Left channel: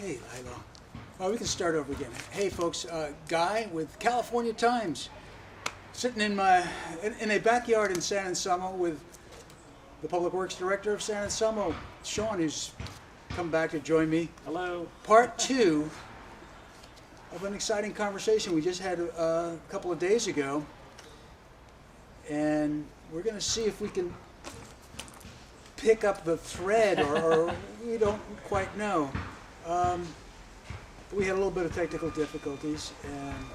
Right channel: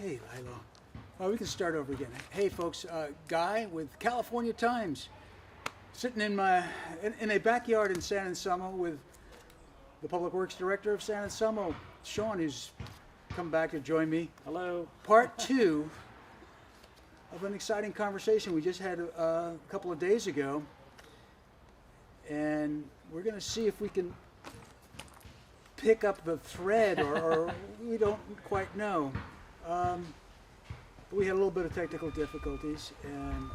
Okay, Lilo. We can start over again. Hey, folks, Guy with California Times, sitting in a backyard in San Anselmo with the Public Works Director of San Anselmo, Sean, who's come back to join me. Hello. Part two of an exciting conversation we just had a couple of days ago, and we're going to see if we can pick up the thread, or we don't quite know. We had a little bit of technical difficulties, and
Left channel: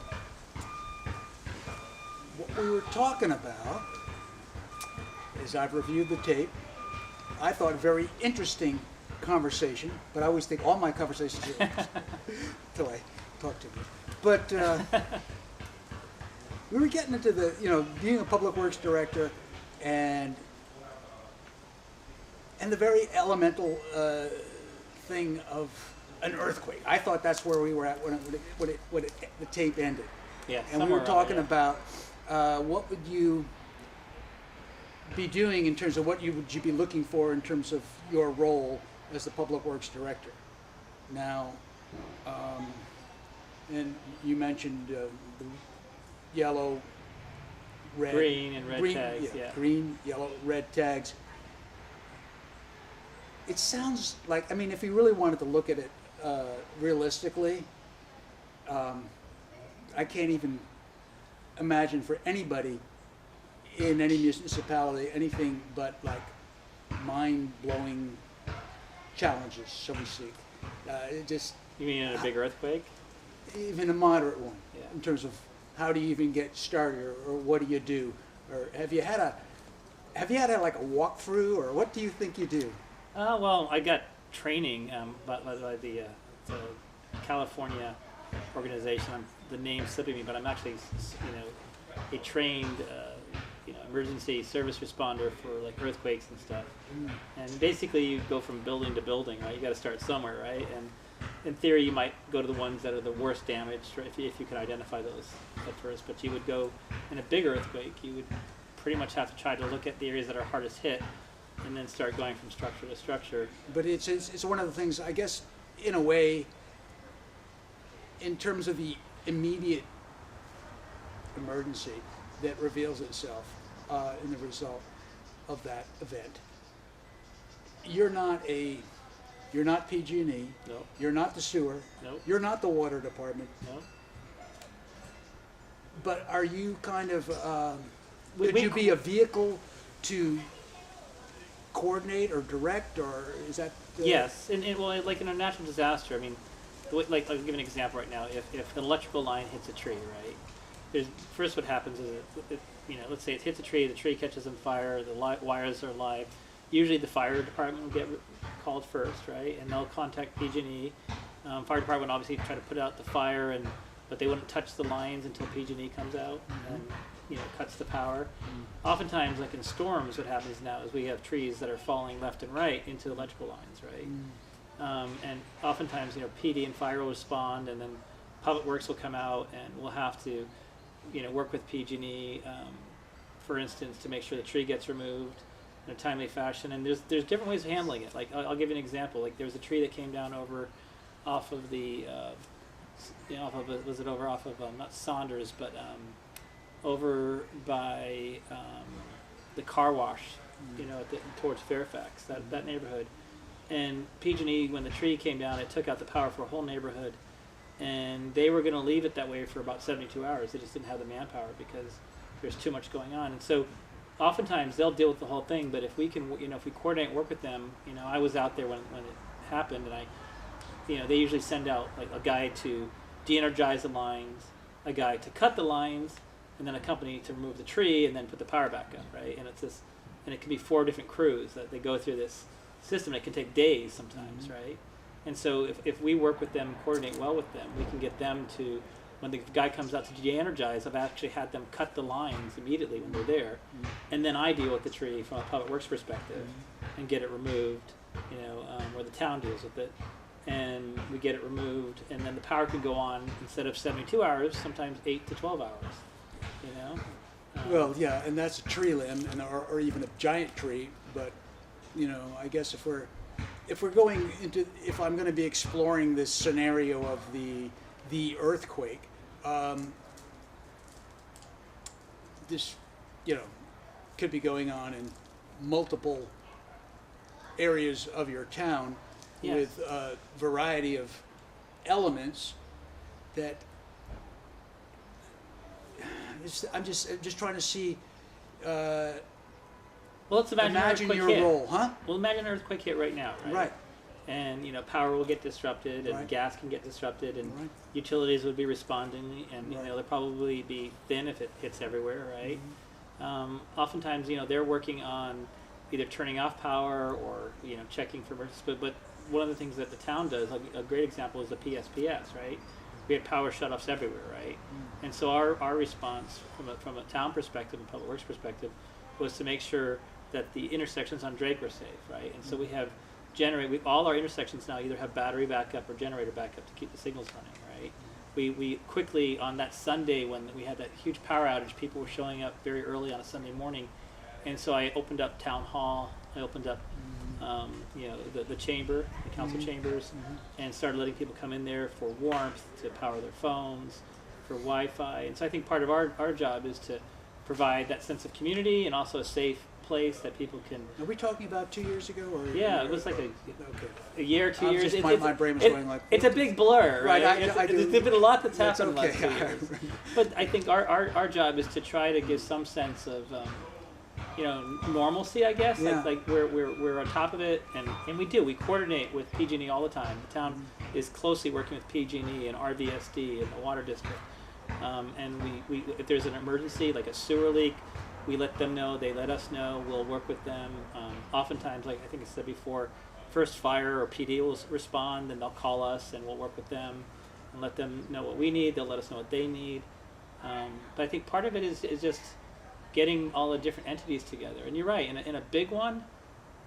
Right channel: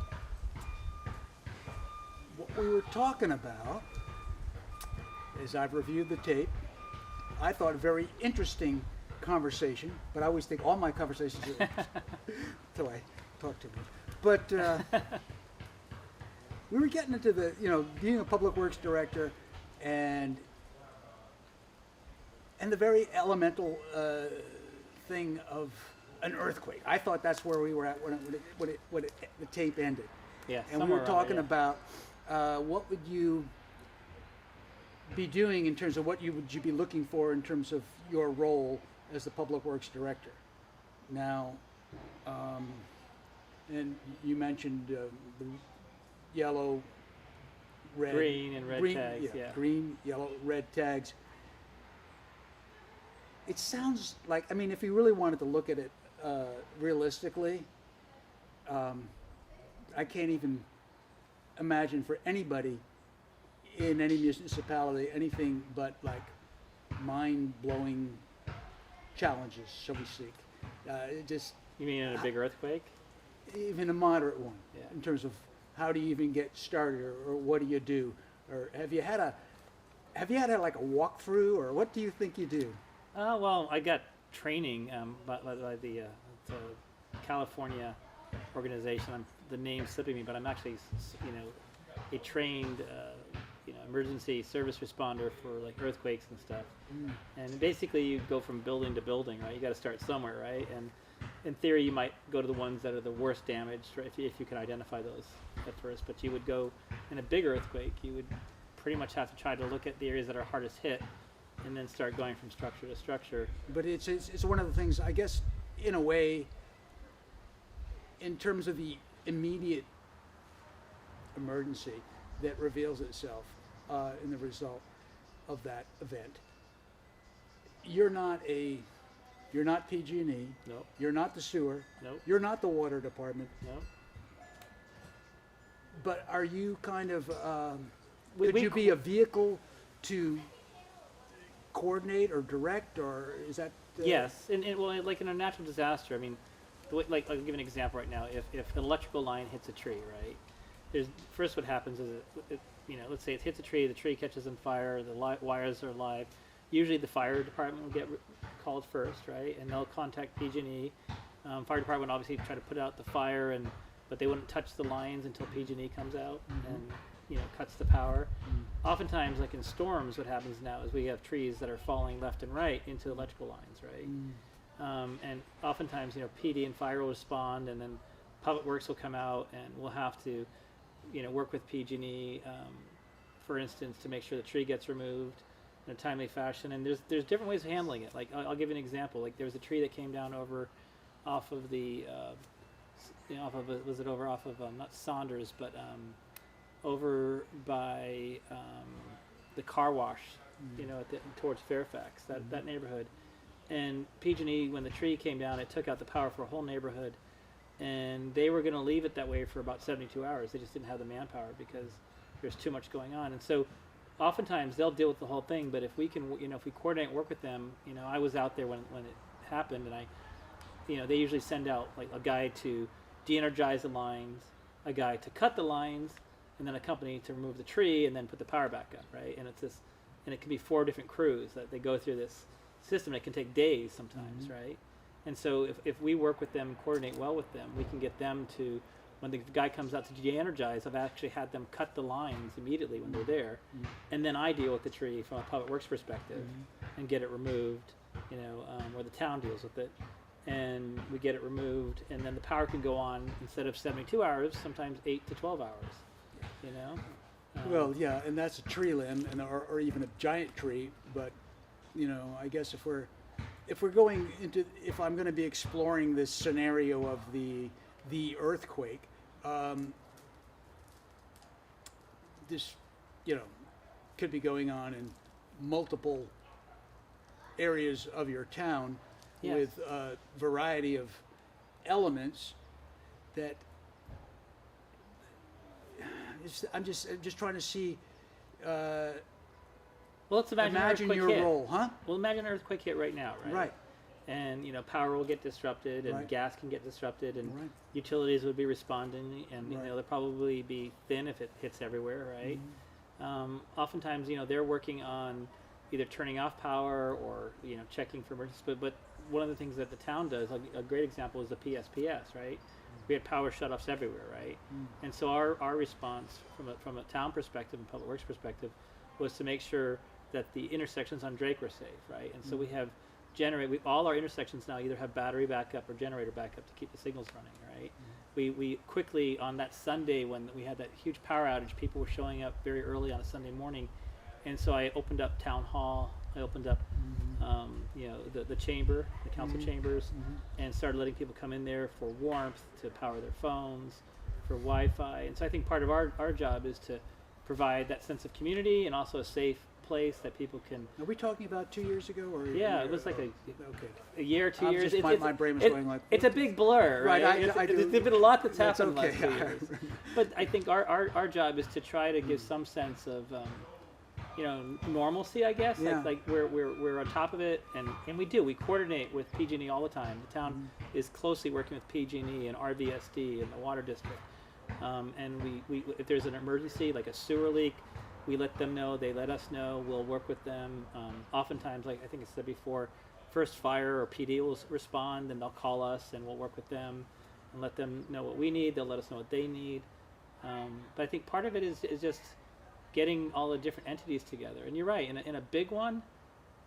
what we were talking about is, I've reviewed the tape. I thought a very interesting conversation, but I always think all my conversations are interesting until I talk to you. But we were getting into the, being a public works director and the very elemental thing of an earthquake. I thought that's where we were at when the tape ended. Yeah. And we were talking about what would you be doing in terms of would you be looking for in terms of your role as the public works director. Now, and you mentioned the yellow, red, green and red tags. Yeah. Green, yellow, red tags. It sounds like, if you really wanted to look at it realistically, I can't even imagine for anybody in any municipality anything but like mind-blowing challenges, so we speak. You mean in a big earthquake? Even a moderate one, Yeah. in terms of how do you even get started, or what do you do, or have you had like a walkthrough, or what do you think you do? Well, I got training by the California organization. The name's slipping me, but I'm actually, a trained, emergency service responder for like earthquakes and stuff. And basically, you go from building to building, right? You got to start somewhere, right? And in theory, you might go to the ones that are the worst damaged, right? If you can identify those at first. But you would go in a big earthquake. You would pretty much have to try to look at the areas that are hardest hit, and then start going from structure to structure. But it's one of the things, I guess, in a way, in terms of the immediate emergency that reveals itself in the result of that event. You're not PG&E. No. You're not the sewer. No. You're not the water department. No. But are you kind of? We you be a vehicle to coordinate or direct, or is that? Yes, and well, like in a natural disaster, like I'll give an example right now. If an electrical line hits a tree, right? First what happens is, let's say it hits a the tree catches on fire, the wires are live. Usually the fire department will get called first, right? And they'll contact PG&E. Fire department obviously try to put out the fire, but they wouldn't touch the lines until PG&E comes out and cuts the power. Oftentimes, like in storms, what happens now is we have trees that are falling left and right into the electrical lines, right? And oftentimes, PD and fire will respond, and then Public Works will come out, and we'll have to, work with PG&E, for instance, to make sure the tree gets removed in a timely fashion. And there's different ways of handling it. Like I'll give you an example. Like there was a tree that came down off of not Saunders, but over by the car wash, towards Fairfax, that neighborhood. And PG&E, when the tree came down, it took out the power for a whole neighborhood, and they were going to leave it that way for about 72 hours. They just didn't have the manpower because there's too much going on. And so oftentimes they'll deal with the whole thing, but if we can, if we coordinate and work with them, I was out there when it happened, and they usually send out like a guy to de-energize the lines, a guy to cut the lines, and then a company to remove the tree and then put the power back up, right? And it can be 4 different crews that they go through this system. It can take days sometimes, right? And so if we work with them, coordinate well with them, we can get them to, when the guy comes out to de-energize, I've actually had them cut the lines immediately when they're there, and then I deal with the tree from a public works perspective and get it removed, or the town deals with it, and we get it removed, and then the power can go on instead of 72 hours, sometimes 8 to 12 hours, Well, yeah, and that's a tree limb, or even a giant tree, but I guess if we're if we're going into, if I'm going to be exploring this scenario of the earthquake, this, could be going on in multiple areas of your town Yes. with a variety of elements that I'm just trying to see. Well, let's imagine, Imagine an your earthquake hit. role, huh? Well, imagine an earthquake hit right now, right? Right. And power will get disrupted, and Right. gas can get disrupted, and Right. utilities would be responding, and Right. they'll probably be thin if it hits everywhere, right? Mm-hmm. Oftentimes, they're working on either turning off power or checking for emergencies. But one of the things that the town does, a great example is the PSPS, right? We had power shutoffs everywhere, right? And so our response from a town perspective and public works perspective was to make sure that the intersections on Drake are safe, right? And so we have all our intersections now either have battery backup or generator backup to keep the signals running, right? We quickly, on that Sunday when we had that huge power outage, people were showing up very early on a Sunday morning, and so I opened up town hall, I opened up the chamber, the council chambers, and started letting people come in there for warmth, to power their phones, for Wi-Fi. And so I think part of our job is to provide that sense of community and also a safe place that people can. Are we talking about 2 years ago, or Yeah, it was like okay. a year, 2 I'm years. just- my brain was going like, it's a big blur, right? I do. There's been a lot that's That's happened in okay. the last 2 years. But I think our job is to try to give some sense of normalcy, I guess. Yeah. Like we're on top of it, and we coordinate with PG&E all the time. The town is closely working with PG&E and RVSD and the water district. And we if there's an emergency like a sewer leak, we let them know, they let us know, we'll work with them. Oftentimes, like I think I said before, first fire or PD will respond, and they'll call us and we'll work with them and let them know what we need, they'll let us know what they need. But I think part of it is just getting all the different entities together. And you're right, in a big one,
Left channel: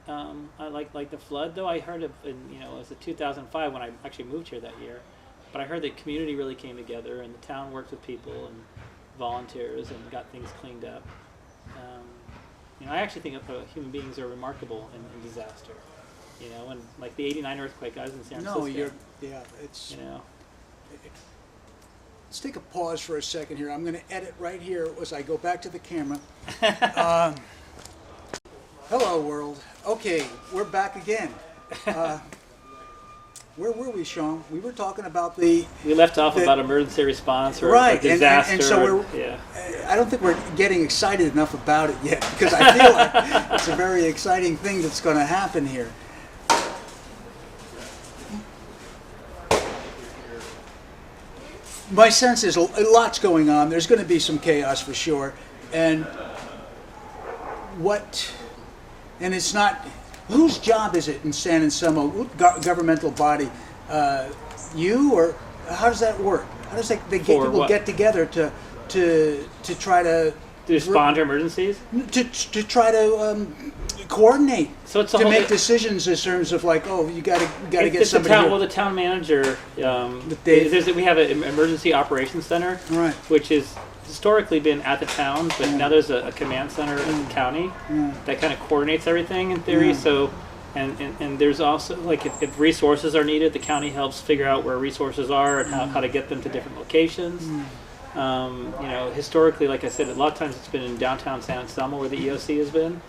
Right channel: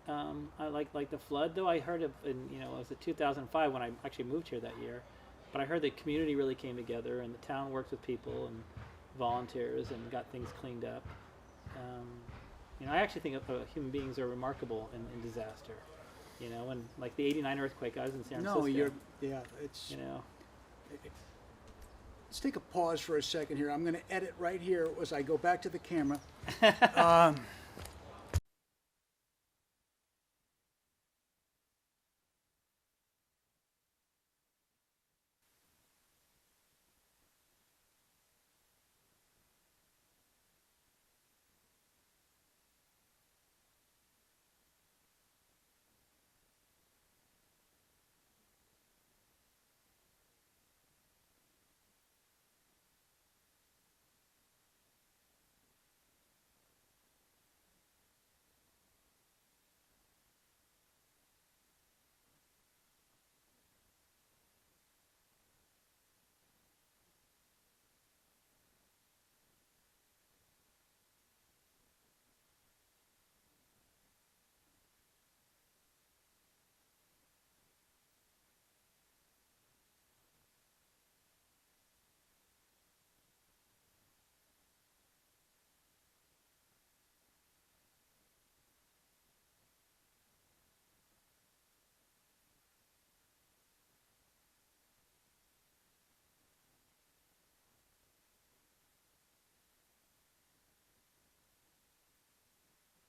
I like the flood, though I heard of, it was 2005 when I actually moved here that year, but I heard the community really came together and the town worked with people and volunteers and got things cleaned up. I actually think human beings are remarkable in disaster. And like the '89 earthquake, I was in San Francisco. It's. You know, Let's take a pause for a second here. I'm going to edit right here as I go back to the camera. Hello, world. Okay, we're back again. Where were we, Sean? We were talking about we left off about emergency response or right, disaster. and so I don't think we're getting excited enough about it yet, because I feel like it's a very exciting thing that's going to happen here. My sense is a lot's going on. There's going to be some chaos for sure, and it's not. Whose job is it in San Anselmo? What governmental body? You, or how does that work? How does people get together to try to respond to emergencies? To try to coordinate. So it's to make decisions in terms of like, you got to get somebody here. Well, the town manager. We have an emergency operations center, right, which is historically been at the town, but now there's a command center at the county that kind of coordinates everything in theory. So, and there's also like if resources are needed, the county helps figure out where resources are and how to get them to different locations. Historically, like I said, a lot of times it's been in downtown San Anselmo where the EOC has been,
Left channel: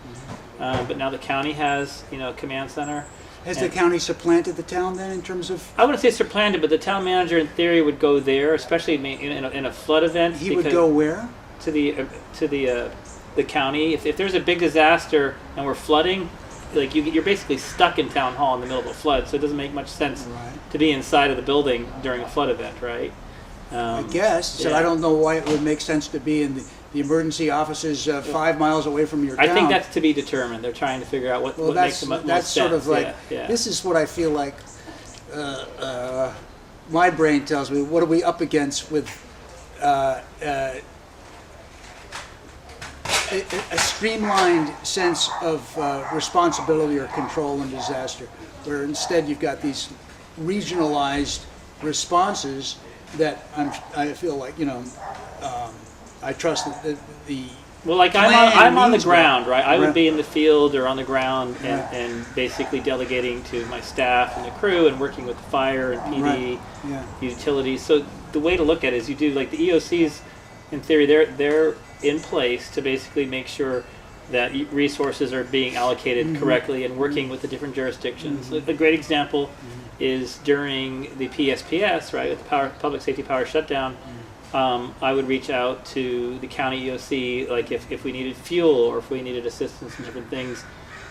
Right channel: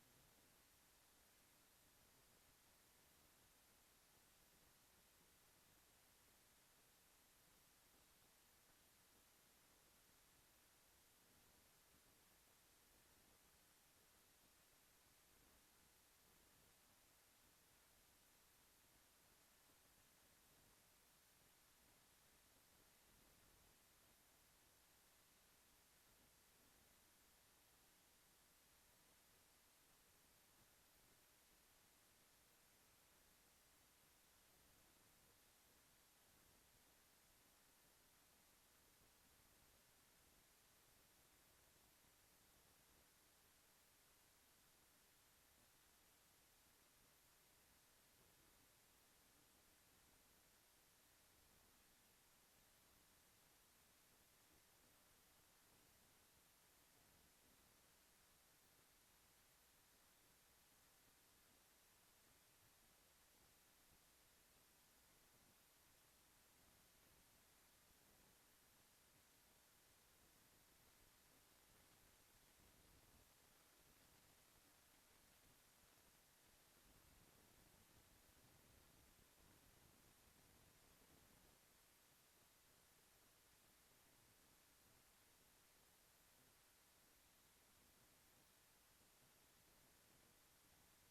but now the county has a command center. Has the county supplanted the town then in terms of? I wouldn't say supplanted, but the town manager in theory would go there, especially in a flood event. He would go where? To the county. If there's a big disaster and we're flooding, like you're basically stuck in town hall in the middle of a flood, so it doesn't make much sense to be inside of the building during a flood event, right? I guess. So I don't know why it would make sense to be in the emergency offices 5 miles away from your town. I think that's to be determined. They're trying to figure out what makes the most sense. That's sort of like, this is what I feel like my brain tells me. What are we up against with a streamlined sense of responsibility or control in disaster, where instead you've got these regionalized responses that I feel like, I trust that the Well, like plan I'm on the needs well. ground, right? I would Right. be in the field or on the ground and, Right. and basically delegating to my staff and the crew and working with the fire and PD, Right. Yeah. utilities. So the way to look at it is you do like the EOCs, in theory, they're in place to basically make sure that resources are being allocated correctly and working with the different jurisdictions. A great example is during the PSPS, right, with the public safety power shutdown. I would reach out to the county EOC, like if we needed fuel or if we needed assistance in different things.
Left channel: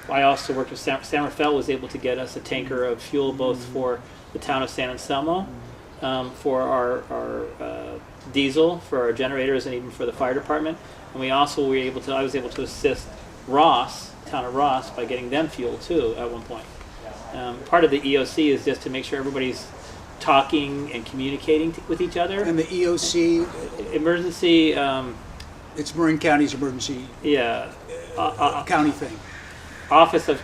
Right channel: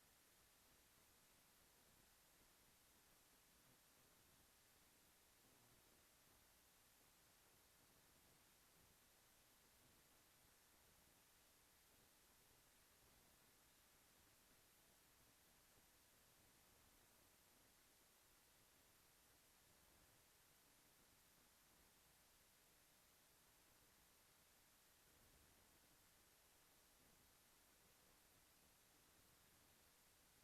I also worked with San Rafael, was able to get us a tanker of fuel both for the town of San Anselmo, for our diesel, for our generators, and even for the fire department. And we also were able to, I was able to assist Ross, town of Ross, by getting them fuel too at one point. Part of the EOC is just to make sure everybody's talking and communicating with each other. And the EOC, Emergency, it's Marin County's emergency yeah, county thing. Office of,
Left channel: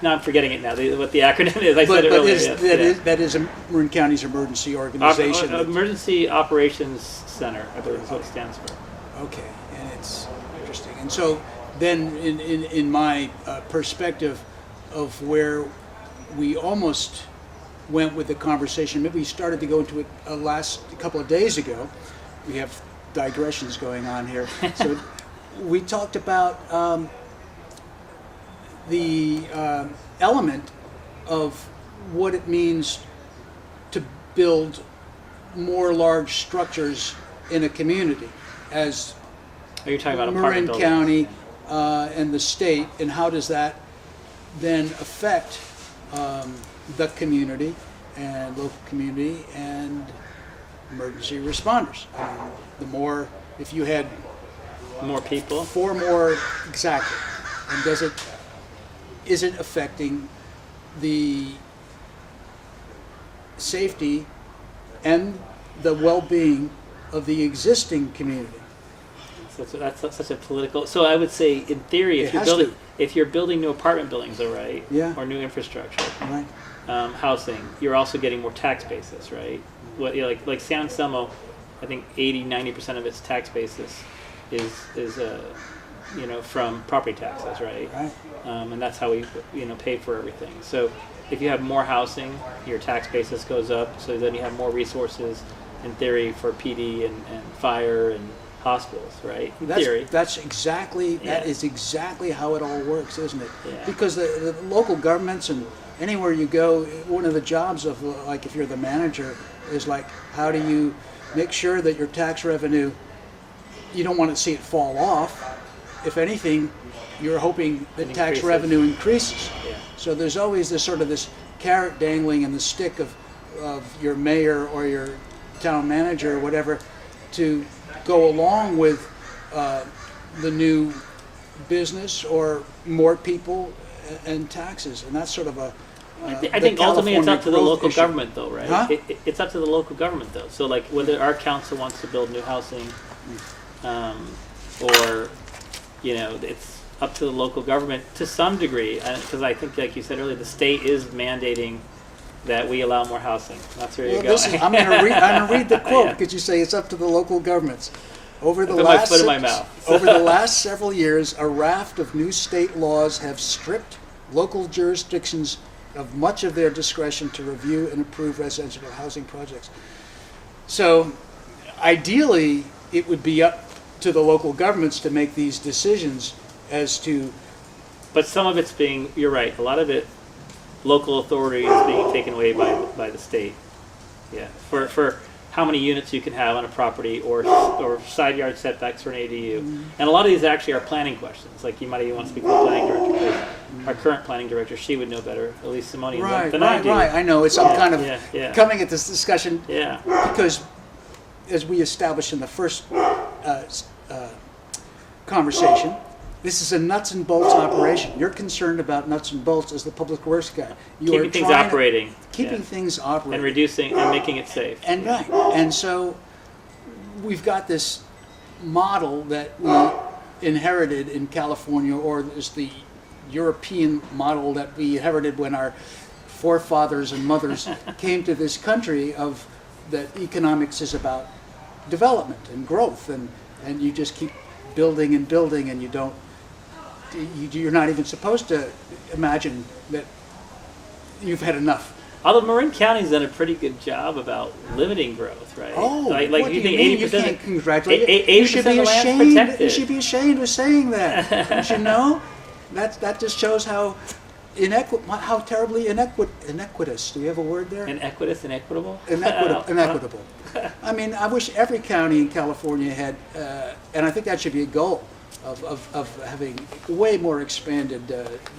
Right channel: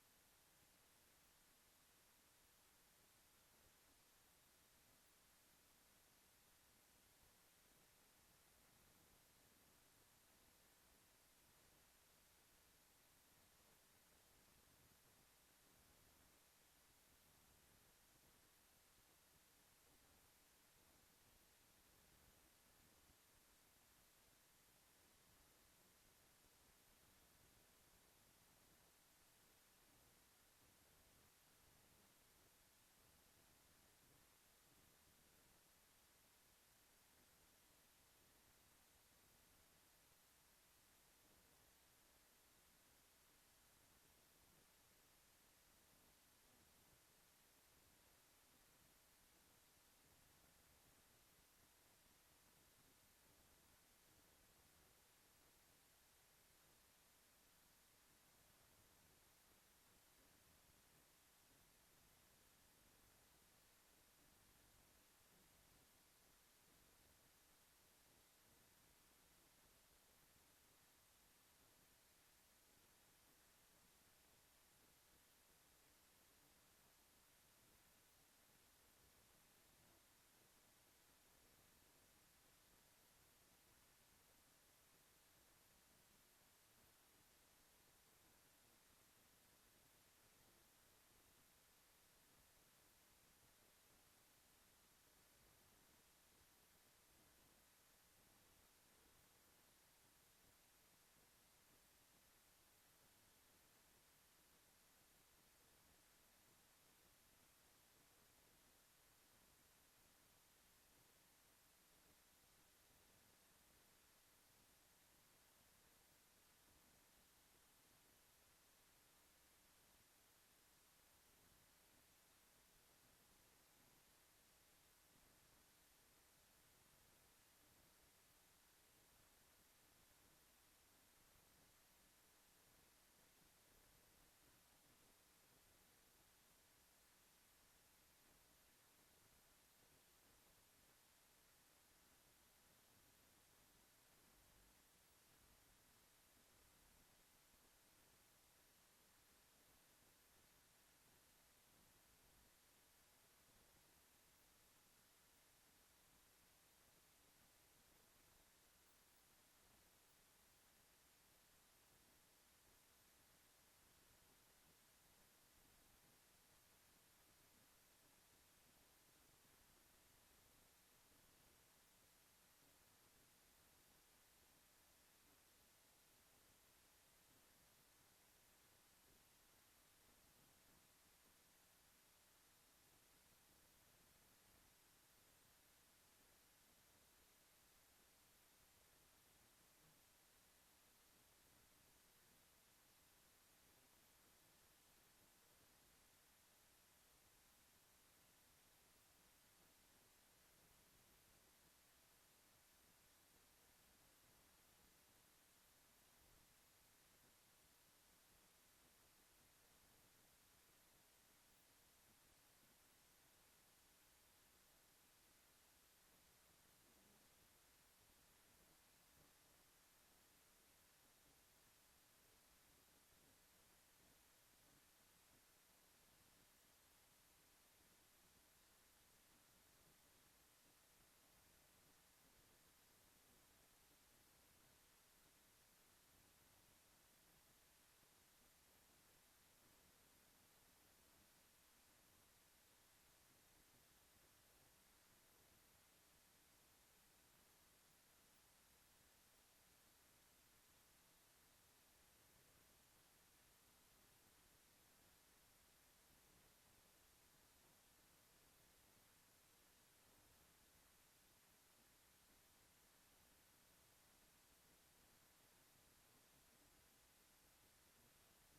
now I'm forgetting it now, what the acronym is. I said it earlier. That is Marin County's emergency organization. Emergency Operations Center, I believe is what it stands for. Okay, and it's interesting. And so then in my perspective of where we almost went with the conversation, maybe we started to go into it a couple of days ago. We have digressions going on here. So we talked about the element of what it means to build more large structures in a community, as Are you talking about Marin apartment County and the state, and how does that then affect the community and local community and emergency responders? I mean, the more, if you had More people? 4 more, exactly, and is it affecting the safety and the well-being of the existing community? So that's such a political. So I would say, in theory, It has to. if you're building new apartment buildings, all right, Yeah. or new infrastructure, Right. housing, you're also getting more tax basis, right? What like San Anselmo, I think 80-90% of its tax basis is from property taxes, right? Right. And that's how we pay for everything. So if you have more housing, your tax basis goes up. So then you have more resources, in theory, for PD and fire and hospitals, right? In theory. That is exactly how it all works, isn't it? Yeah. Because the local governments and anywhere you go, one of the jobs of, like, if you're the manager, is like, how do you make sure that your tax revenue, you don't want to see it fall off. If anything, you're hoping that tax revenue increases. Yeah. So there's always this sort of this carrot dangling in the stick of your mayor or your town manager or whatever to go along with the new business or more people and taxes. And that's sort of a I think ultimately it's up to the local issue. government, though, right? Huh? It's up to the local government, though. So, like, whether our council wants to build new housing, or, it's up to the local government to some degree. Because I think, like you said earlier, the state is mandating that we allow more housing. That's where you're going. I'm going to read the quote Yeah. because you say it's up to the local governments. Over the Put my last foot in my mouth. over the last several years, a raft of new state laws have stripped local jurisdictions of much of their discretion to review and approve residential housing projects. So, ideally, it would be up to the local governments to make these decisions as to. But some of it's being, you're right, a lot of it, local authority is being taken away by the state. Yeah, for how many units you can have on a property or side yard setbacks for an ADU. And a lot of these actually are planning questions. Like, you might even want to speak to the planning director, because our current planning director, she would know better, at least Simone, than I do. Right. I know. It's I'm kind of yeah. coming at this discussion Yeah. because, as we established in the first conversation, this is a nuts and bolts operation. You're concerned about nuts and bolts as the public works guy. Keeping things operating. Keeping things operating. And reducing and making it safe. And right. And so we've got this model that we inherited in California, or is the European model that we inherited when our forefathers and mothers came to this country, of that economics is about development and growth, and you just keep building and building, and you're not even supposed to imagine that you've had enough. Although Marin County's done a pretty good job about limiting growth, right? Oh, like what you do you think mean? 80%? You can't congratulate. 80% You should be of the land's ashamed. protected. You should be ashamed of saying that. Don't you know? That just shows how how terribly inequitous. Do you have a word there? Inequitable? Inequitable. I mean, I wish every county in California had, and I think that should be a goal of having way more expanded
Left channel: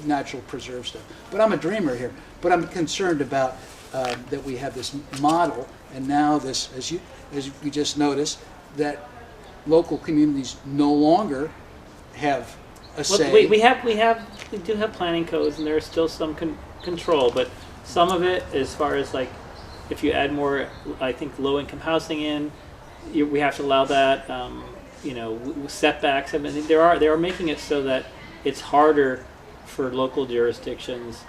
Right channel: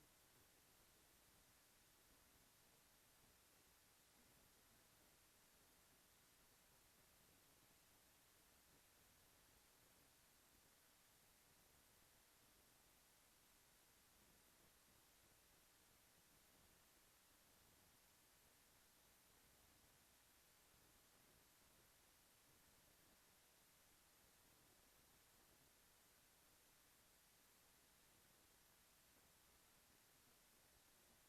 natural preserve stuff. But I'm a dreamer here. But I'm concerned about that we have this model, and now this, as you just noticed, that local communities no longer have a say. Well, we do have planning codes, and there's still some control, but some of it, as far as like, if you add more, I think low-income housing in, we have to allow that. Setbacks. I mean, they are making it so that it's harder for local jurisdictions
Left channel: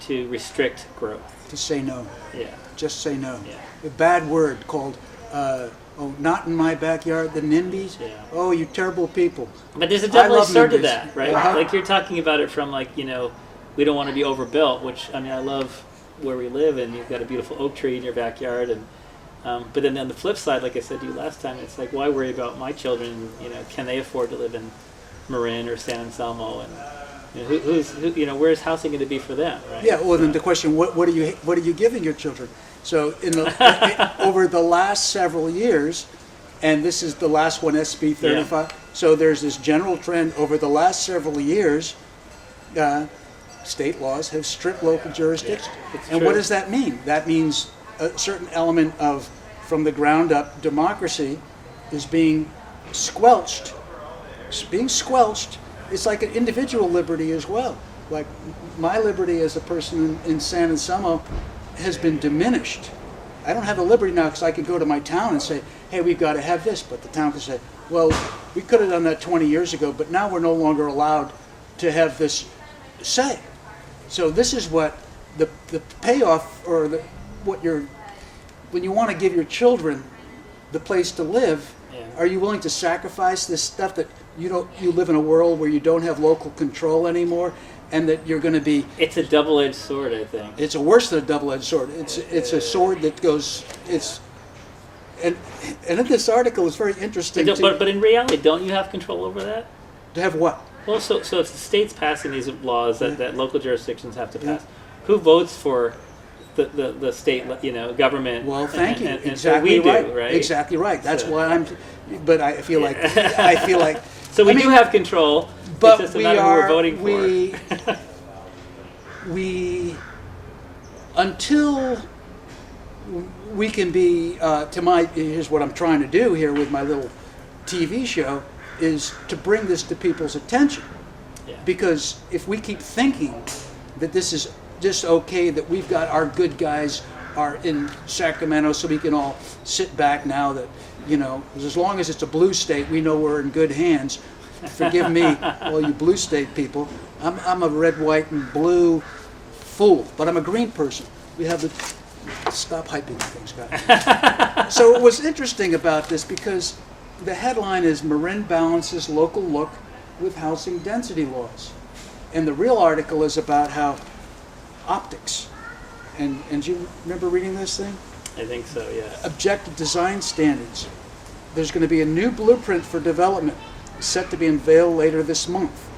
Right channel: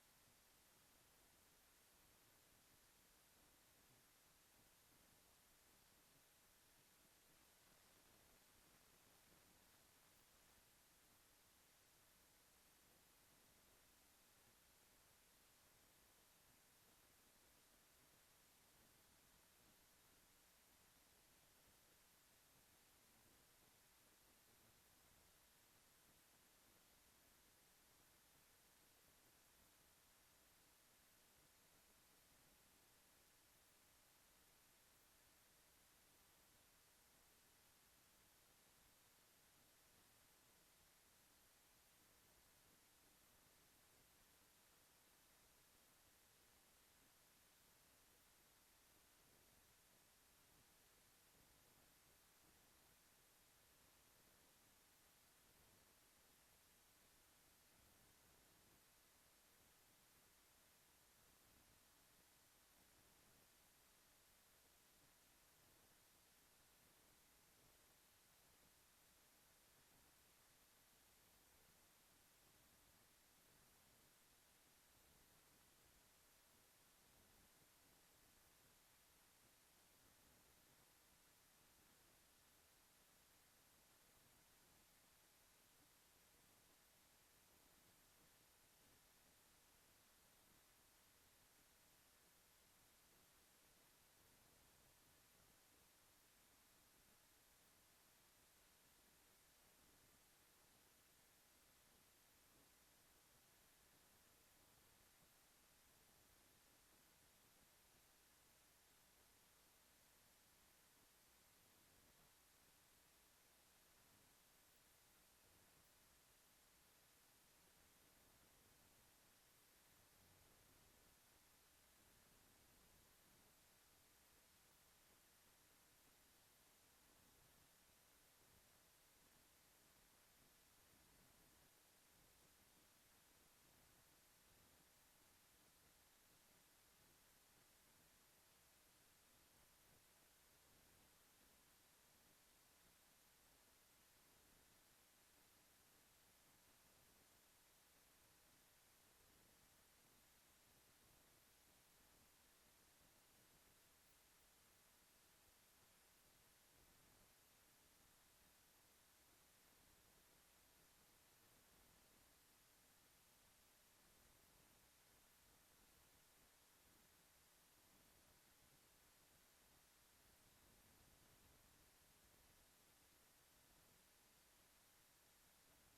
to restrict growth. To say no. Yeah. Just say no. Yeah. A bad word called, not in my backyard, the NIMBYs. Yeah. Oh, you terrible people. But there's a double-edged sword to NIMBYs. that, right? Uh-huh. Like you're talking about it from like, we don't want to be overbuilt, which, I mean, I love where we live, and you've got a beautiful oak tree in your backyard, and but then on the flip side, like I said to you last time, it's like, why worry about my children? Can they afford to live in Marin or San Anselmo? And where's housing going to be for them? Right? Yeah. Well, then the question: what are you giving your children? So over the last several years, and this is the last one, SB 35. Yeah. So there's this general trend over the last several years. State laws have stripped local jurisdictions. Yeah, and true. what does that mean? That means a certain element of, from the ground up, democracy is being squelched. It's being squelched. It's like an individual liberty as well. Like my liberty as a person in San Anselmo has been diminished. I don't have the liberty now because I can go to my town and say, hey, we've got to have this. But the town can say, well, we could have done that 20 years ago, but now we're no longer allowed to have this say. So this is what the payoff, or when you want to give your children the place to live, Yeah. are you willing to sacrifice this stuff that you live in a world where you don't have local control anymore, and that you're going to be? It's a double-edged sword, I think. It's worse than a double-edged sword. It's a sword that goes. And in this article, it's very interesting. But in reality, don't you have control over that? To have what? Well, so it's the states passing these laws that, Yeah. that local jurisdictions have to pass. Yeah. Who votes for the state, government? Well, thank you. And Exactly so we right. do, right? Exactly right. That's So- why I'm. But I feel like So we I mean, do have control. But it's just a we matter of who we're voting for. we until we can be here's what I'm trying to do here with my little TV show, is to bring this to people's attention. Yeah. Because if we keep thinking that this is just okay, that we've got our good guys are in Sacramento, so we can all sit back now that, as long as it's a blue state, we know we're in good hands. Forgive me, all you blue state people. I'm a red, white, and blue fool, but I'm a green person. We have the stop hyping things, guys. So it was interesting about this because the headline is Marin balances local look with housing density laws, and the real article is about how optics. And do you remember reading this thing? I think so, yeah. Objective design standards. There's going to be a new blueprint for development set to be unveiled later this month.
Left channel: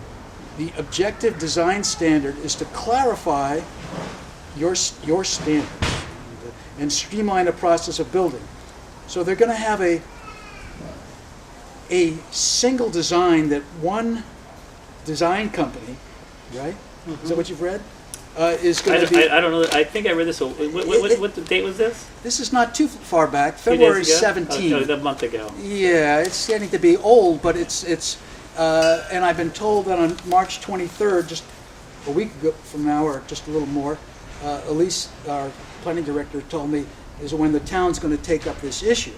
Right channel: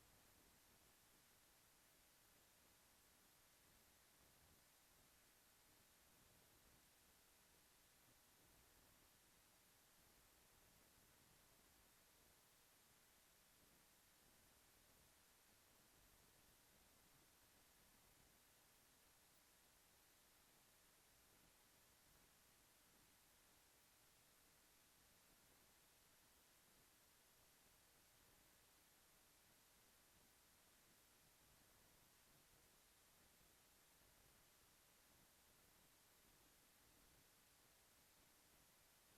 The objective design standard is to clarify your standards and streamline the process of building. So they're going to have a single design that one design company, right? Mm-hmm. Is that what you've read? Is going to be. I don't know. I think I read this. What the date was this? This is not too far back. 2 days February ago? 17th. A month ago. Yeah, it's getting to be old, but it's and I've been told that on March 23rd, just a week ago from now, or just a little more, Elise, our planning director, told me is when the town's going to take up this issue.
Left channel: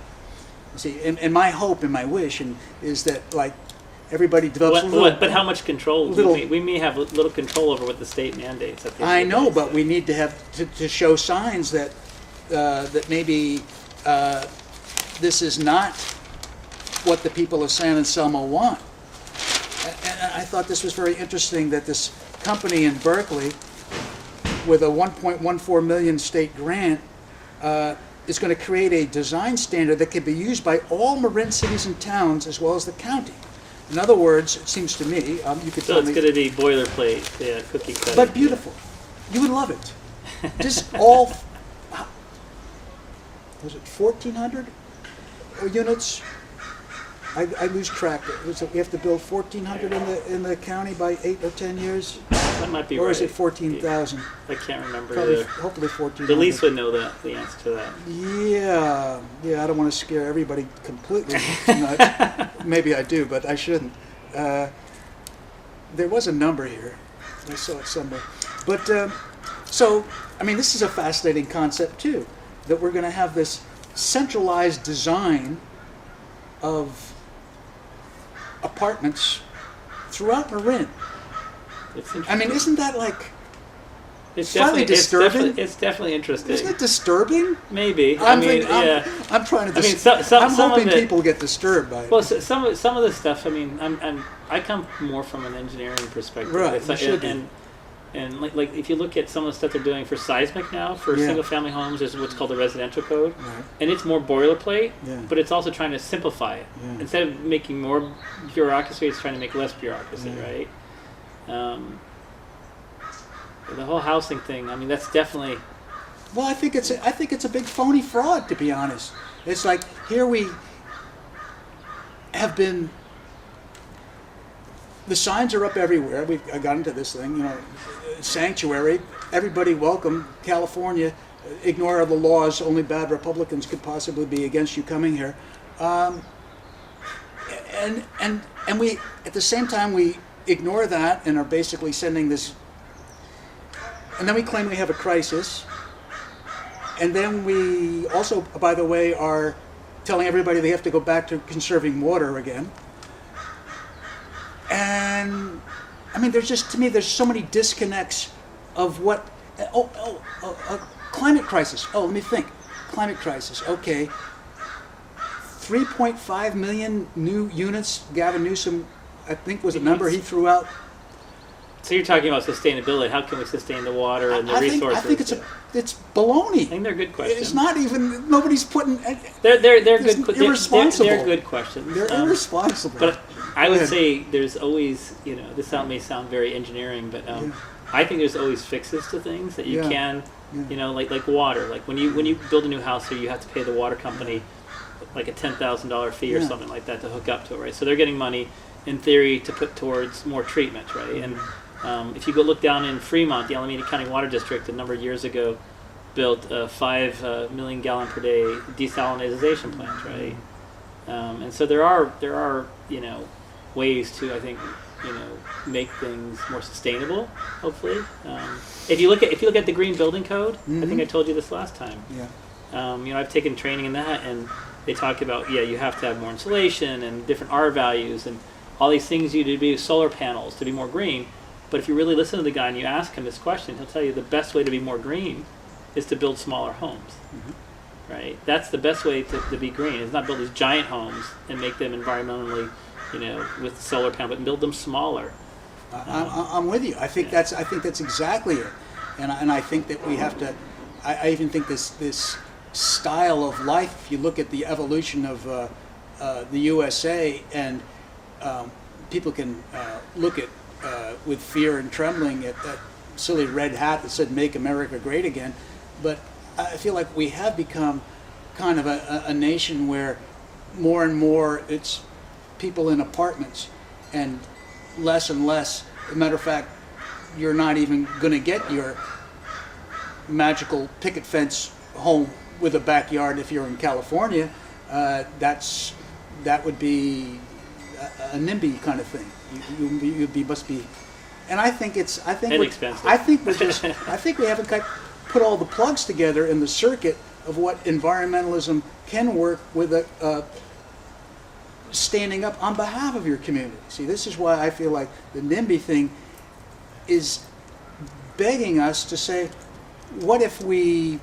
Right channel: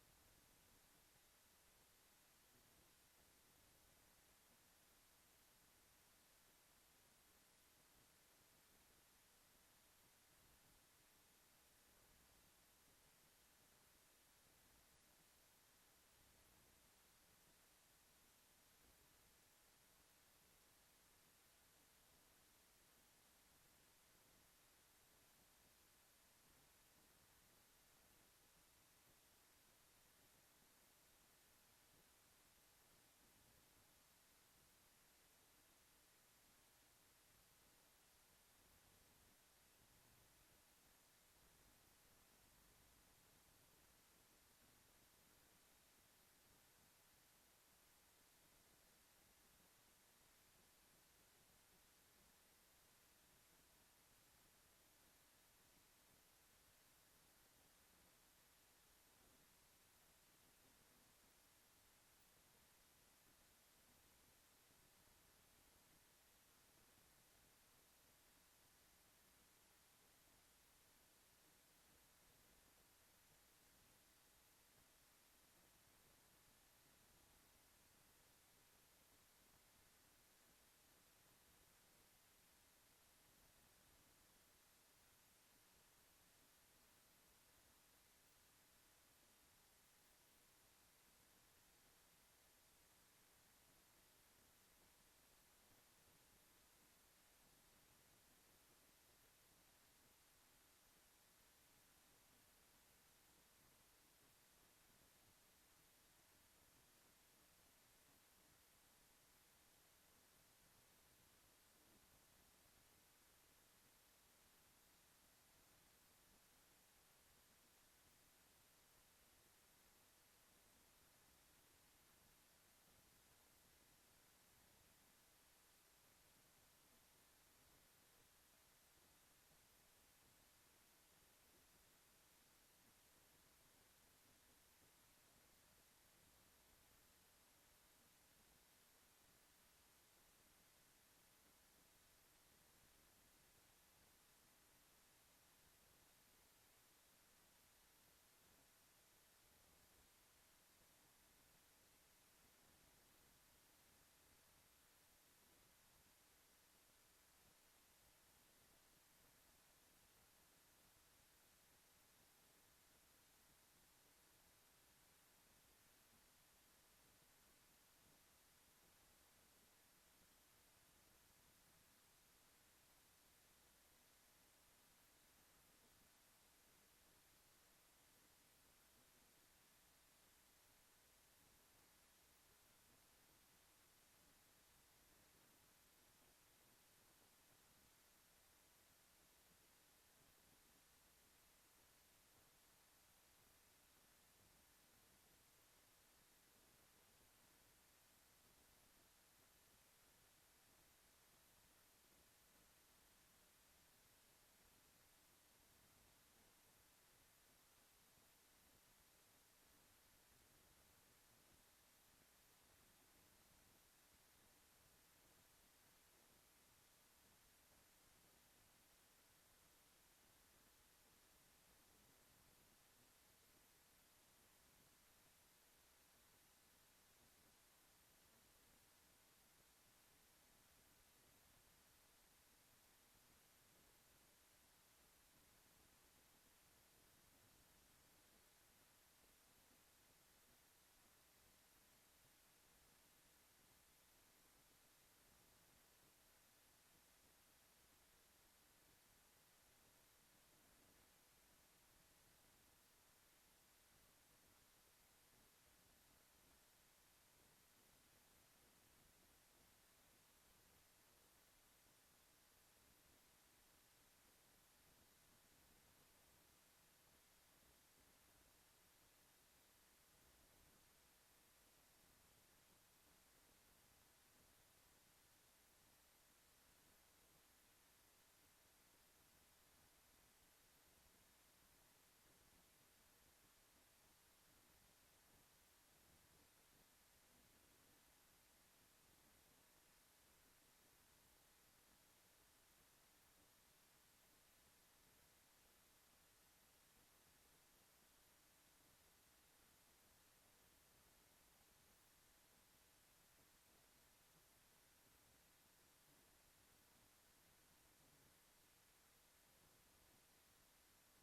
You see, and my hope and my wish is that like everybody develops But how much control? We may have little control over what the state mandates. I know, but we need to have to show signs that that maybe this is not what the people of San Anselmo want. I thought this was very interesting that this company in Berkeley, with a 1.14 million state grant, is going to create a design standard that can be used by all Marin cities and towns as well as the county. In other words, it seems to me, you could So tell it's me, going to be boilerplate, yeah, cookie cutter. but beautiful. You would love it. Just all, was it 1,400 units? I lose track. We have to build 1,400 in the county by 8 or 10 years, That might be or right. is it 14,000? I can't remember. Probably, hopefully 1400. The lease would know that, the answer to that. Yeah, I don't want to scare everybody completely nuts. Maybe I do, but I shouldn't. There was a number here. I saw it somewhere. But, so, I mean, this is a fascinating concept, too, that we're going to have this centralized design of apartments throughout Marin. It's I mean, interesting. isn't that like, It's slightly definitely- disturbing? It's definitely interesting. isn't it disturbing? Maybe. I'm yeah. trying to. I mean, some I'm some hoping of it, people get disturbed by it. Well, some of the stuff. I mean, I come more from an engineering perspective. Right, It's you like, should be. and like if you look at some of the stuff they're doing for seismic now for Yeah. single family homes, there's what's called the residential code, Right. and it's more boilerplate, Yeah. but it's also trying to simplify it. Yeah. Instead of making more bureaucracy, it's trying to make less bureaucracy, Yeah. right? The whole housing thing. I mean, that's definitely. Well, I think it's a big phony fraud, to be honest. It's like here we have been. The signs are up everywhere. I got into this thing, sanctuary. Everybody welcome. California, ignore the laws. Only bad Republicans could possibly be against you coming here. And we at the same time we ignore that and are basically sending this. And then we claim we have a crisis. And then we also, by the way, are telling everybody they have to go back to conserving water again. And I mean, there's so many disconnects of what. Climate crisis. Oh, let me think. Climate crisis. Okay. 3.5 million new units. Gavin Newsom, I think, was the number he threw out. So you're talking about sustainability. How can we sustain the water and the resources? I think it's baloney. I think they're good questions. It's not even, nobody's putting. They're It's good. irresponsible. They're good questions. They're irresponsible. But I Go would ahead. say there's always, this may sound very engineering, but Yeah. I think there's always fixes to things that you Yeah. can, Yeah. like water. Like when you build a new house here, you have to pay the water company like a $10,000 fee or Yeah. something like that to hook up to it, right? So they're getting money in theory to put towards more treatment, right? And if you go look down in Fremont, the Alameda County Water District, a number of years ago, built a 5 million gallon per day desalinization plant, right? And so there are ways to, I think, make things more sustainable. Hopefully, if you look at the Green Building Code, I think I told you this last time. Yeah. I've taken training in that, and they talk about you have to have more insulation and different R values and all these things you need to be solar panels to be more green. But if you really listen to the guy and you ask him this question, he'll tell you the best way to be more green is to build smaller homes. Right? That's the best way to be green. Is not build these giant homes and make them environmentally, with solar panel, but build them smaller. I'm with you. I think that's exactly it, and I think that we have to. I even think this style of life. If you look at the evolution of the USA, and people can look at with fear and trembling at that silly red hat that said "Make America Great Again," but I feel like we have become kind of a nation where more and more it's people in apartments and less. As a matter of fact, you're not even going to get your magical picket fence home with a backyard if you're in California. That would be a NIMBY kind of thing. Must be, and I think Inexpensive. I think we haven't put all the plugs together in the circuit of what environmentalism can work with a standing up on behalf of your community. See, this is why I feel like the NIMBY thing is begging us to say, what if we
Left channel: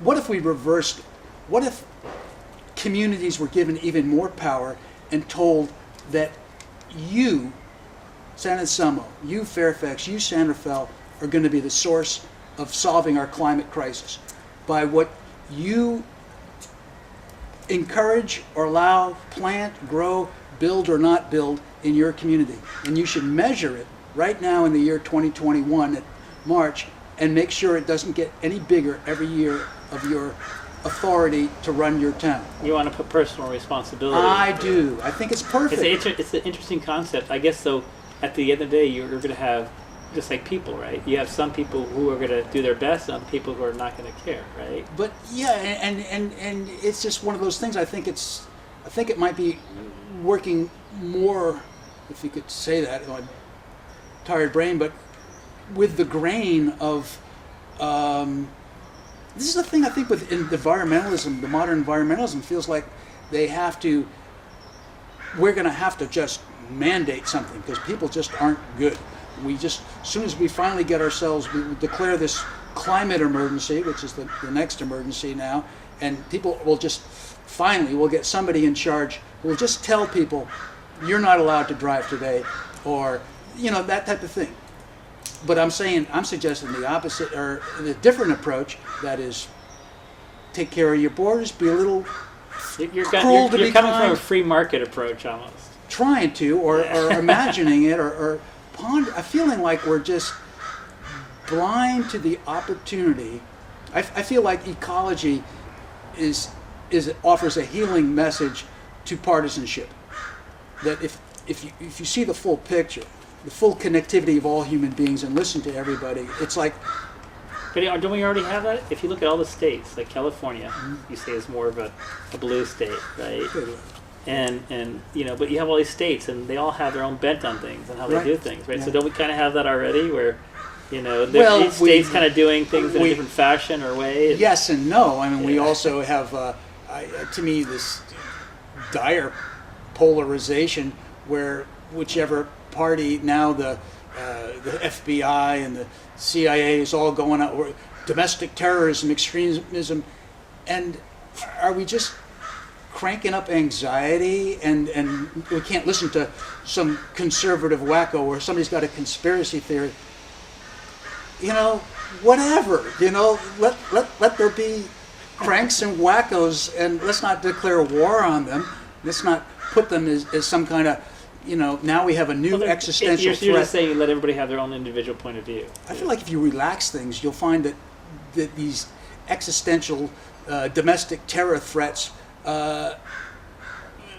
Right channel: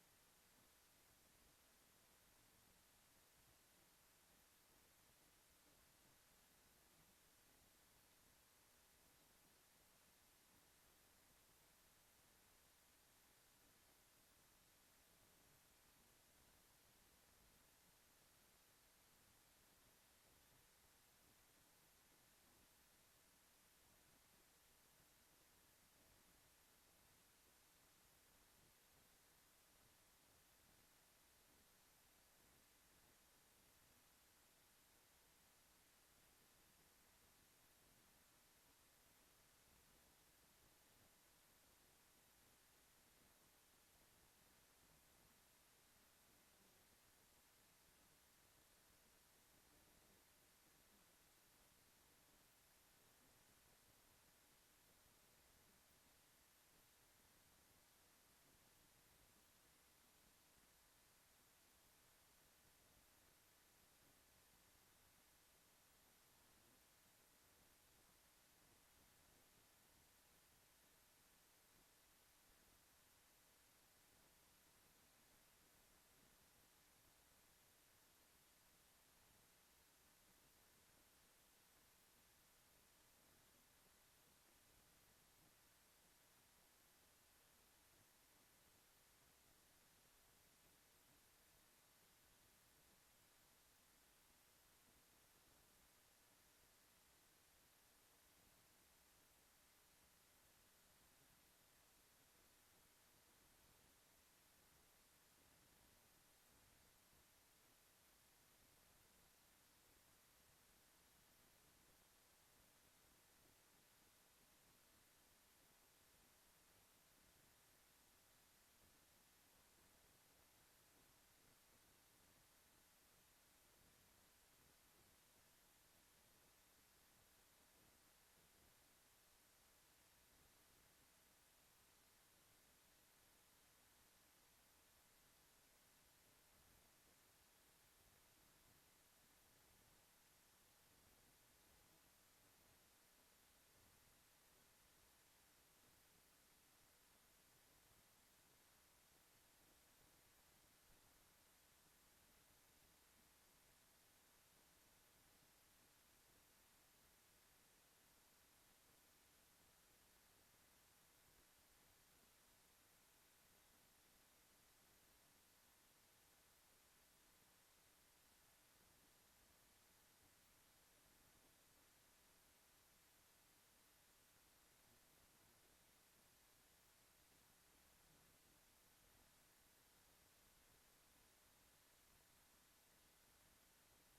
reversed? What if communities were given even more power and told that you, San Anselmo, you, Fairfax, you, Santa Fe, are going to be the source of solving our climate crisis by what you encourage or allow, plant, grow, build or not build in your community. And you should measure it right now in the year 2021 at March and make sure it doesn't get any bigger every year of your authority to run your town. You want to put personal responsibility. I do. I think it's perfect. It's an interesting concept. I guess, so at the end of the day, you're going to have, just like people, right? You have some people who are going to do their best and other people who are not going to care, right? But yeah, and it's just one of those things. I think it might be working more, if you could say that, on tired brain, but with the grain of, this is the thing I think with environmentalism, the modern environmentalism feels like we're going to have to just mandate something because people just aren't good. We just, as soon as we finally get ourselves, we declare this climate emergency, which is the next emergency now, and people will just, finally, we'll get somebody in charge who will just tell people, you're not allowed to drive today, or, that type of thing. But I'm suggesting the opposite, or the different approach, that is, take care of your borders, be a little You're cruel to be coming kind. from a free market approach almost. Trying to, or imagining it, or feeling like we're just blind to the opportunity. I feel like ecology offers a healing message to partisanship. That if you see the full picture, the full connectivity of all human beings, and listen to everybody, it's like. But don't we already have that? If you look at all the states, like California, you say is more of a blue state, right? And but you have all these states, and they all have their own bent on things and how they do things, right? Yeah. So don't we kind of have that already, where each state's kind of doing things in a different fashion or way? Yes and no. I mean, we also have, to me, this dire polarization where whichever party now, the FBI and the CIA is all going out, or domestic terrorism, extremism, and are we just cranking up anxiety, and we can't listen to some conservative wacko or somebody's got a conspiracy theory. Whatever. Let there be cranks and wackos, and let's not declare war on them. Let's not put them as some kind of, now we have a new existential threat. You're just saying let everybody have their own individual point of view. I feel like if you relax things, you'll find that these existential domestic terror threats, and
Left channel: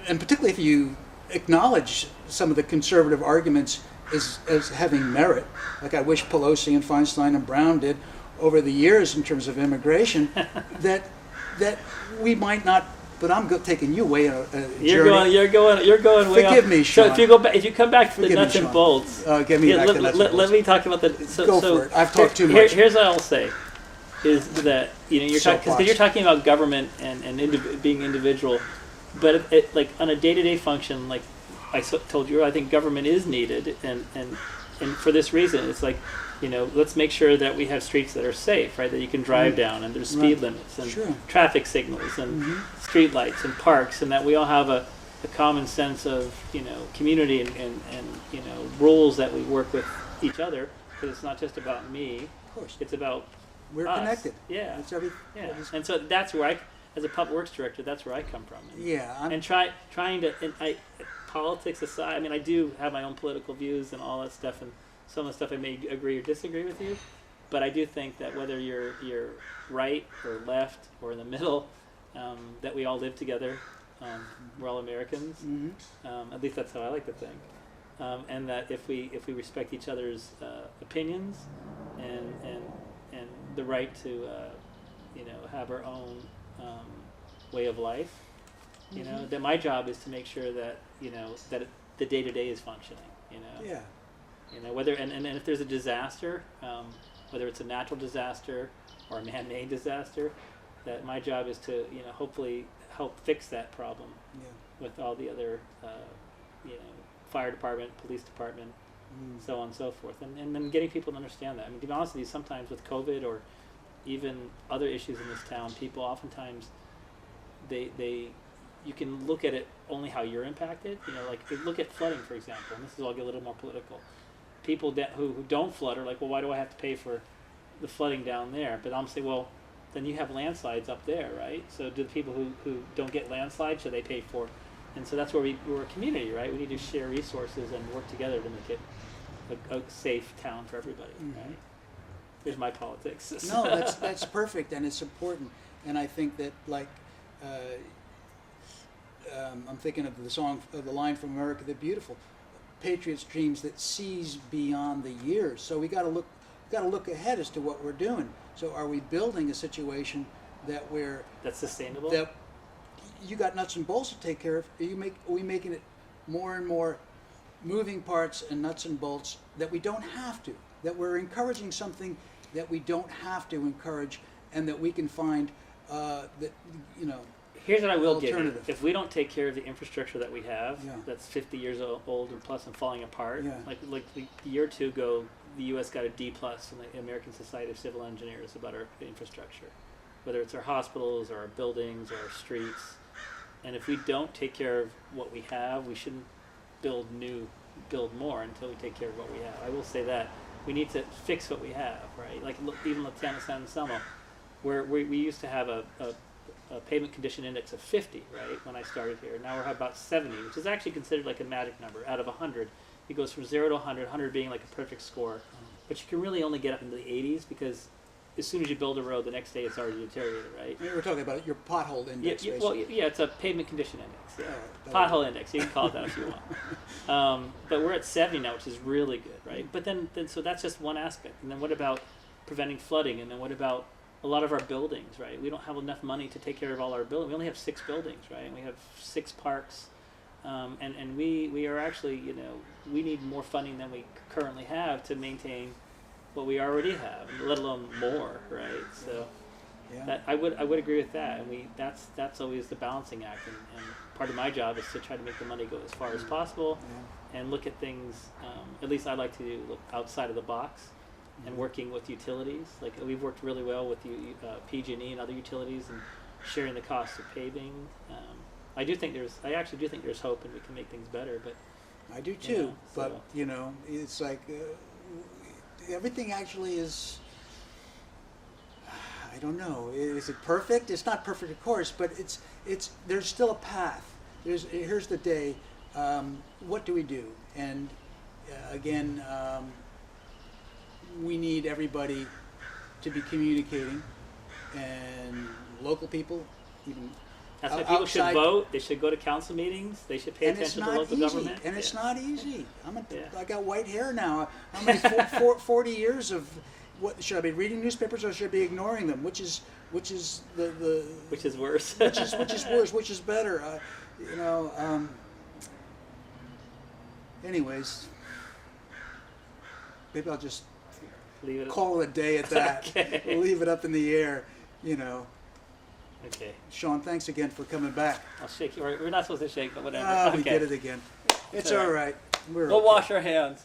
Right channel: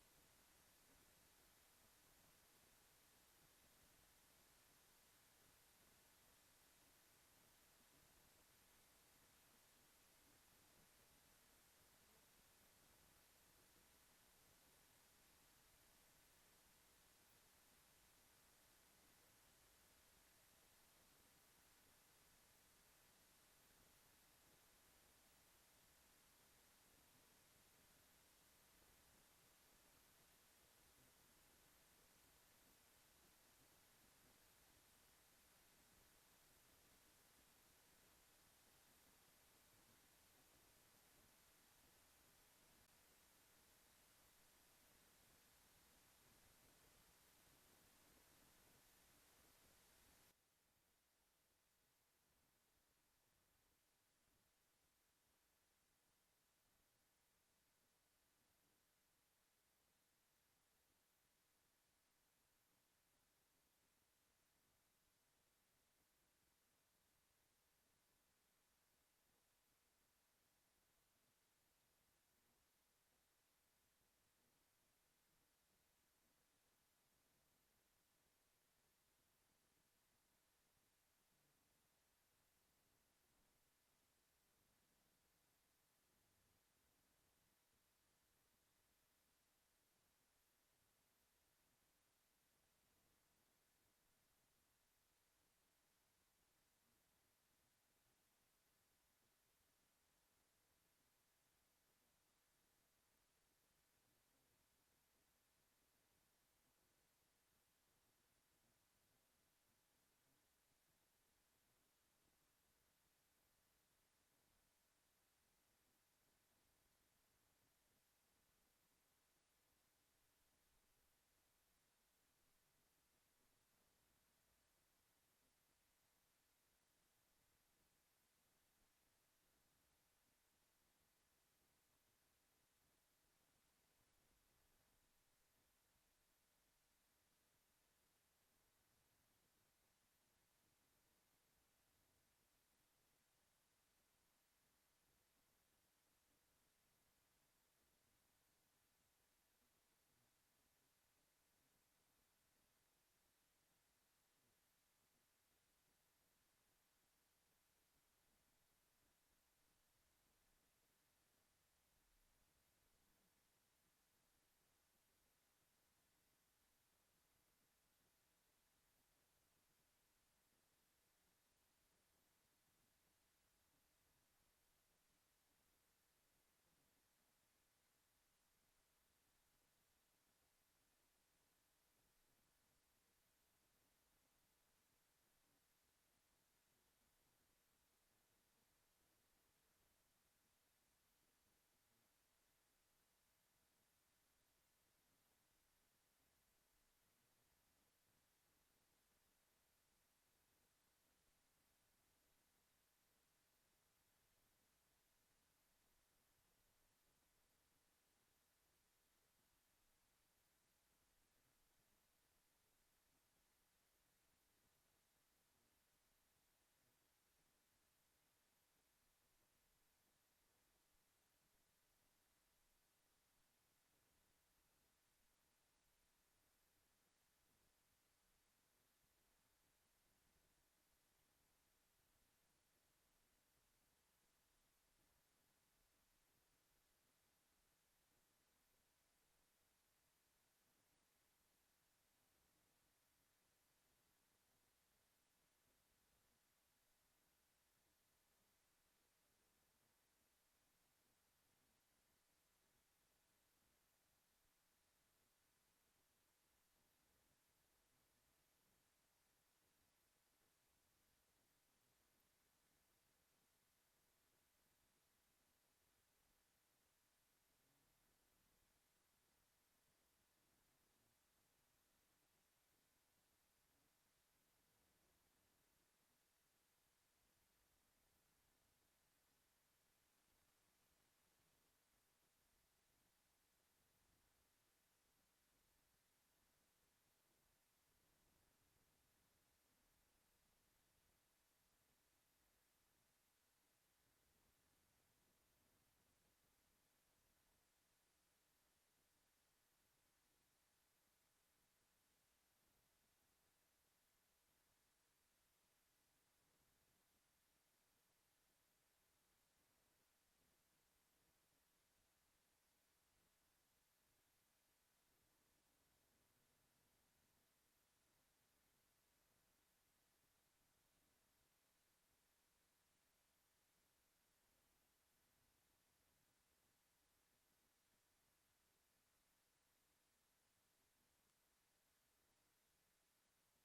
particularly if you acknowledge some of the conservative arguments as having merit, like I wish Pelosi and Feinstein and Brown did over the years in terms of immigration, that we might not. But I'm taking you way a journey. You're going way. Forgive me, Sean. So if you come back to the Forgive me, nuts and Sean. bolts, Give me back the nuts and bolts. let me talk about the. Go for it. I've talked too much. Here's what I'll say, is that you're because you're talking about government and being individual, but like on a day-to-day function, like I told you, I think government is needed, and for this reason, it's like, let's make sure that we have streets that are safe, right? That you can drive down, and there's speed limits and traffic signals and street lights and parks, and that we all have a common sense of community and rules that we work with each other, because it's not just about me. Of course. It's about We're us. connected. Yeah. Yeah. And so that's where as a public works director, that's where I come from. And trying to, politics aside, I mean, I do have my own political views and all that stuff, and some of the stuff I may agree or disagree with you, but I do think that whether you're right or left or in the middle, that we all live together. We're all Americans. At least that's how I like to think. And that if we respect each other's opinions and the right to have our own way of life, that my job is to make sure that that the day-to-day is functioning. Whether and if there's a disaster, whether it's a natural disaster or a man-made disaster, that my job is to hopefully help fix that problem with all the other fire department, police department, so on and so forth, and then getting people to understand that. I mean, to be honest with you, sometimes with COVID or even other issues in this town, people oftentimes they you can look at it only how you're impacted. You know, like look at flooding, for example, and this is all get a little more political. People who don't flood are like, well, why do I have to pay for the flooding down there? But I'm saying, well, then you have landslides up there, right? So do the people who don't get landslides, should they pay for? And so that's where we're a community, right? We need to share resources and work together to make it a safe town for everybody, right? Here's my politics. No, that's perfect, and it's important. And I think that, like, I'm thinking of the song, of the line from America the Beautiful, Patriots' dreams that sees beyond the years. So we got to look ahead as to what we're doing. So are we building a situation that that's sustainable? That you got nuts and bolts to take care of? Are we making it more and more moving parts and nuts and bolts that we don't have to? That we're encouraging something that we don't have to encourage, and that we can find that, you know. Here's what I will give you. Alternative. If we don't take care of the infrastructure that we have, Yeah. that's 50 years old and plus and falling apart, Yeah. like a year or two ago, the U.S. got a D+ in the American Society of Civil Engineers about our infrastructure, whether it's our hospitals or our buildings or our streets. And if we don't take care of what we have, we shouldn't build more until we take care of what we have. I will say that we need to fix what we have, right? Like even the town of San Anselmo, where we used to have a pavement condition index of 50, right, when I started here. Now we're at about 70, which is actually considered like a magic number. Out of 100, it goes from 0 to 100, 100 being like a perfect score. But you can really only get up into the 80s, because as soon as you build a road, the next day it's already deteriorated, right? We're talking about your pothole index. Well, yeah, it's a pavement condition index. Yeah. Right, Pothole index, you can call it that if you want. But we're at 70 now, which is really good, right? But then so that's just one aspect. And then what about preventing flooding? And then what about a lot of our buildings, right? We don't have enough money to take care of all our buildings. We only have 6 buildings, right? And we have 6 parks. And we are actually, you know, we need more funding than we currently have to maintain what we already have, let alone more, right? So Yeah. that I would agree with that. And that's always the balancing act. And part of my job is to try to make the money go as far as possible, and look at things. At least I like to look outside of the box, and working with utilities. Like we've worked really well with PG&E and other utilities, and sharing the cost of paving. I actually do think there's hope, and we can make things better. But I do too. you know, But so- you know, it's like everything actually is. I don't know. Is it perfect? It's not perfect, of course, but it's. There's still a path. Here's the day. What do we do? And again, we need everybody to be communicating, and local people, even. That's why people should outside- vote. They should go to council meetings. They should pay And it's attention to not local easy. government. And it's Yeah. not easy. Yeah. I got white hair now. How many 40 years of what should I be reading newspapers, or should I be ignoring them? Which is the Which is worse. which is worse? Which is better? You know. Anyways, maybe I'll just Leave it. call it a day at that. Okay. We'll leave it up in the air. You know. Okay. Sean, thanks again for coming back. I'll shake you. We're not supposed to shake, but whatever. Ah, okay. we did it again. It's all all right. right. We're We'll okay. wash our hands.